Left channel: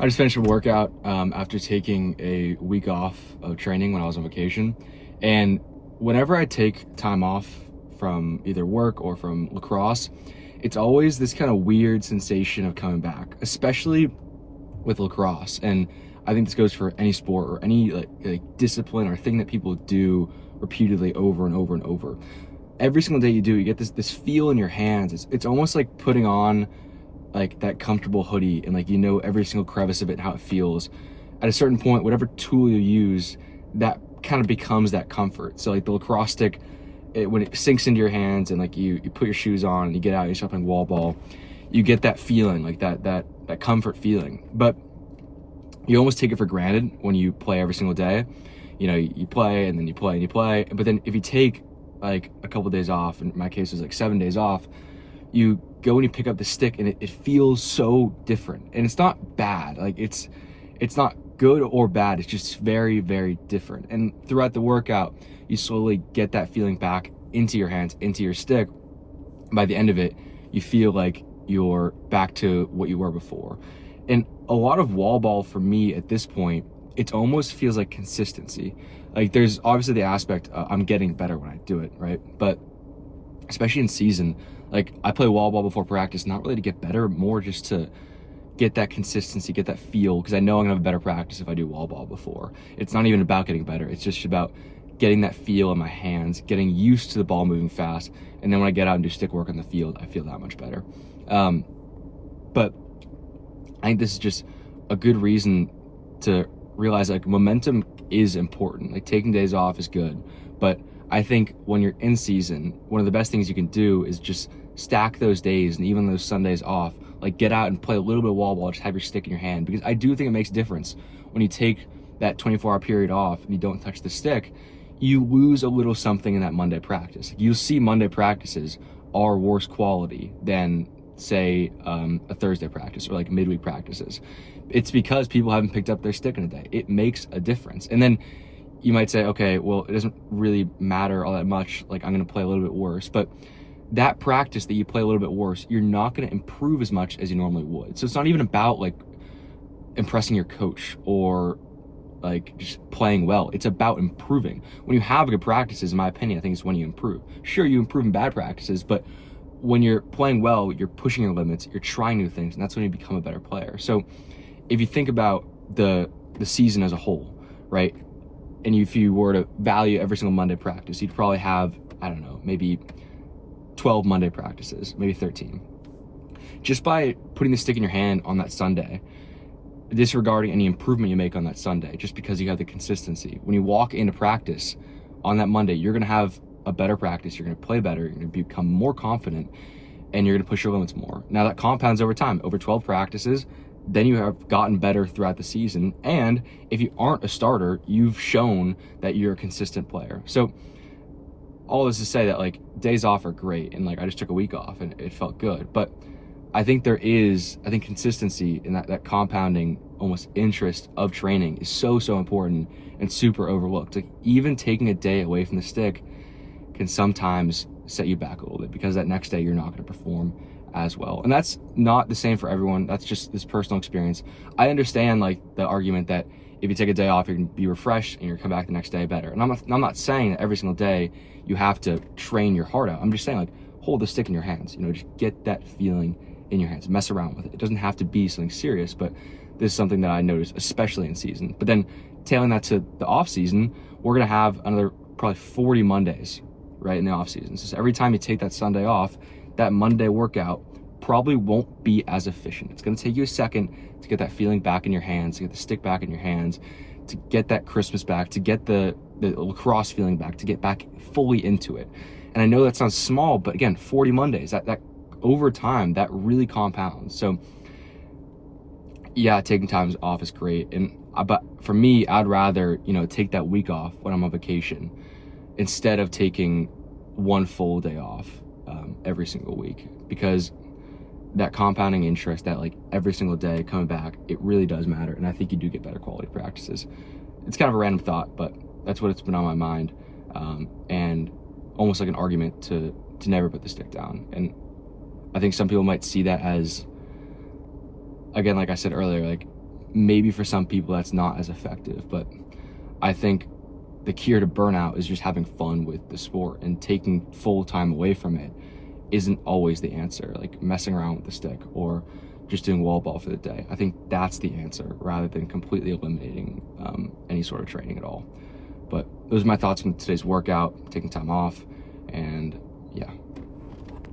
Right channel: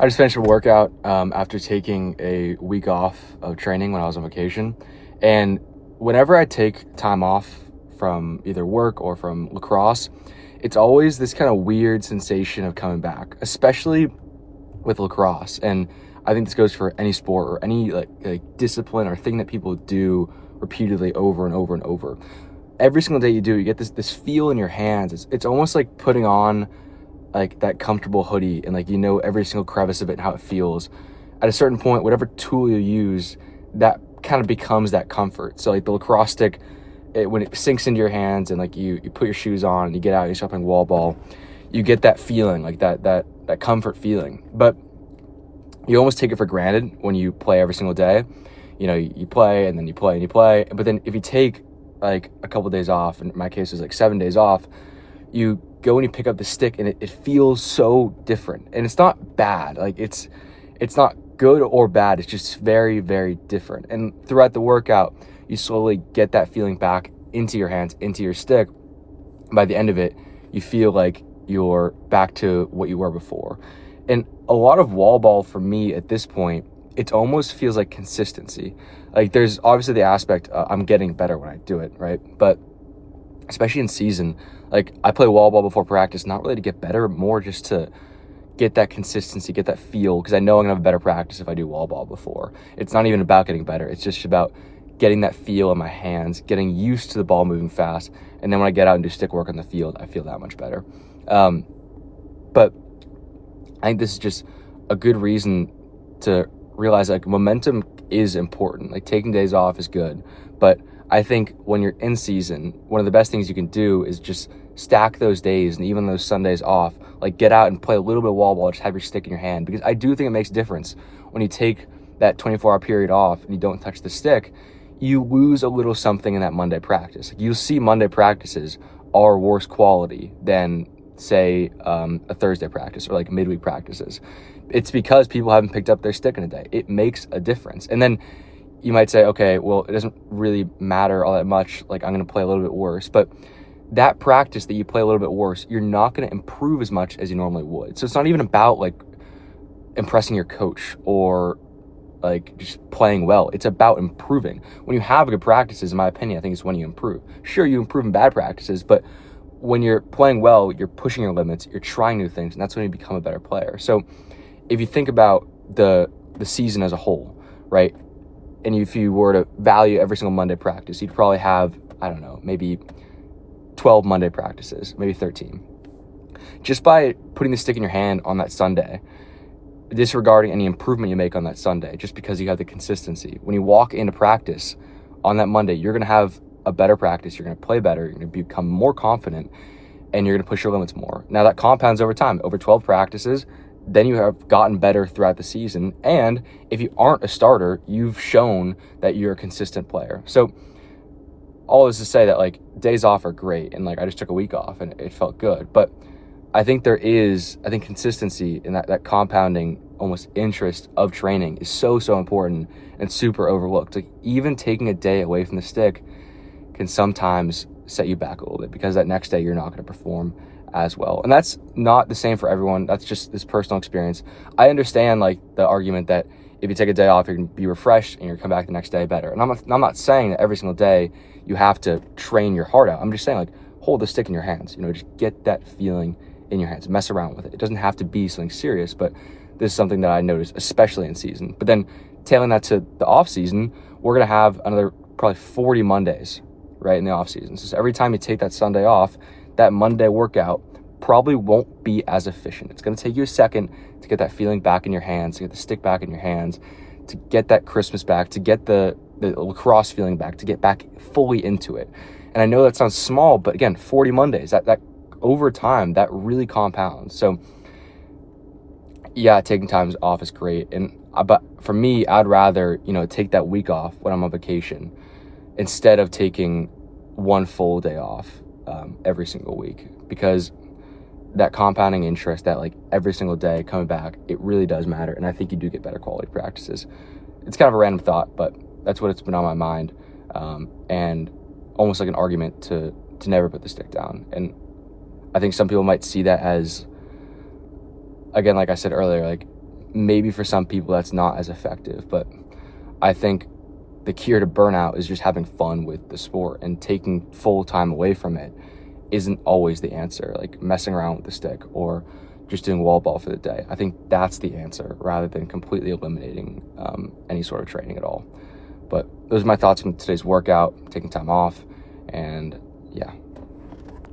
I just finished a workout after taking a week off of training when I was on vacation. And whenever I take time off from either work or from lacrosse, it's always this kind of weird sensation of coming back, especially with lacrosse. And I think this goes for any sport or any like discipline or thing that people do repeatedly over and over and over. Every single day you do, you get this feel in your hands. It's almost like putting on like that comfortable hoodie, and like every single crevice of it and how it feels. At a certain point, whatever tool you use, that kind of becomes that comfort. So like the lacrosse stick, when it sinks into your hands and like you put your shoes on and you get out and you start playing wall ball, you get that feeling, like that comfort feeling. But you almost take it for granted when you play every single day. You play and then you play and you play. But then if you take like a couple of days off, in my case it was like 7 days off, you go and you pick up the stick and it feels so different. And it's not bad. Like it's not good or bad. It's just very, very different. And throughout the workout, you slowly get that feeling back into your hands, into your stick. By the end of it, you feel like you're back to what you were before. And a lot of wall ball for me at this point, it almost feels like consistency. Like there's obviously the aspect, I'm getting better when I do it, right? But especially in season, like I play wall ball before practice, not really to get better, more just to get that consistency, get that feel, because I know I'm gonna have a better practice if I do wall ball before. It's not even about getting better. It's just about getting that feel in my hands, getting used to the ball moving fast. And then when I get out and do stick work on the field, I feel that much better. But I think this is just a good reason to realize like momentum is important. Like taking days off is good, but I think when you're in season, one of the best things you can do is just stack those days and even those Sundays off, like get out and play a little bit of wall ball, just have your stick in your hand, because I do think it makes a difference when you take that 24-hour period off and you don't touch the stick. You lose a little something in that Monday practice. You'll see Monday practices are worse quality than say a Thursday practice or like midweek practices. It's because people haven't picked up their stick in a day. It makes a difference. And then you might say, okay, well, it doesn't really matter all that much. Like I'm going to play a little bit worse, but that practice that you play a little bit worse, you're not going to improve as much as you normally would. So it's not even about like impressing your coach or like just playing well. It's about improving. When you have good practices, in my opinion, I think it's when you improve. Sure, you improve in bad practices, but when you're playing well, you're pushing your limits, you're trying new things, and that's when you become a better player. So if you think about the season as a whole, right? And if you were to value every single Monday practice, you'd probably have, I don't know, maybe 12 Monday practices, maybe 13. Just by putting the stick in your hand on that Sunday, disregarding any improvement you make on that Sunday, just because you have the consistency. When you walk into practice on that Monday, you're going to have a better practice. You're going to play better. You're going to become more confident, and you're going to push your limits more. Now that compounds over time, over 12 practices. Then you have gotten better throughout the season. And if you aren't a starter, you've shown that you're a consistent player. So all this to say that like days off are great. And like I just took a week off and it felt good. But I think consistency in that compounding almost interest of training is so important and super overlooked. Like even taking a day away from the stick can sometimes set you back a little bit, because that next day you're not going to perform as well. And that's not the same for everyone. That's just this personal experience. I understand like the argument that if you take a day off, you're going to be refreshed and you're going to come back the next day better. And I'm not saying that every single day you have to train your heart out. I'm just saying like hold the stick in your hands, just get that feeling in your hands, mess around with it. It doesn't have to be something serious, but this is something that I noticed, especially in season. But then tailing that to the off season, we're going to have another probably 40 Mondays, right, in the off season. So every time you take that Sunday off, that Monday workout probably won't be as efficient. It's going to take you a second to get that feeling back in your hands, to get the stick back in your hands, to get that Christmas back, to get the lacrosse feeling back, to get back fully into it. And I know that sounds small, but again, 40 Mondays, that over time, that really compounds. So yeah, taking time off is great. But for me, I'd rather, take that week off when I'm on vacation instead of taking one full day off every single week, because that compounding interest, that like every single day coming back, it really does matter. And I think you do get better quality practices. It's kind of a random thought, but that's what it's been on my mind. And almost like an argument to never put the stick down. And I think some people might see that as, again, like I said earlier, like maybe for some people that's not as effective, but I think the cure to burnout is just having fun with the sport, and taking full time away from it isn't always the answer. Like messing around with the stick or just doing wall ball for the day. I think that's the answer rather than completely eliminating any sort of training at all. But those are my thoughts from today's workout, taking time off, and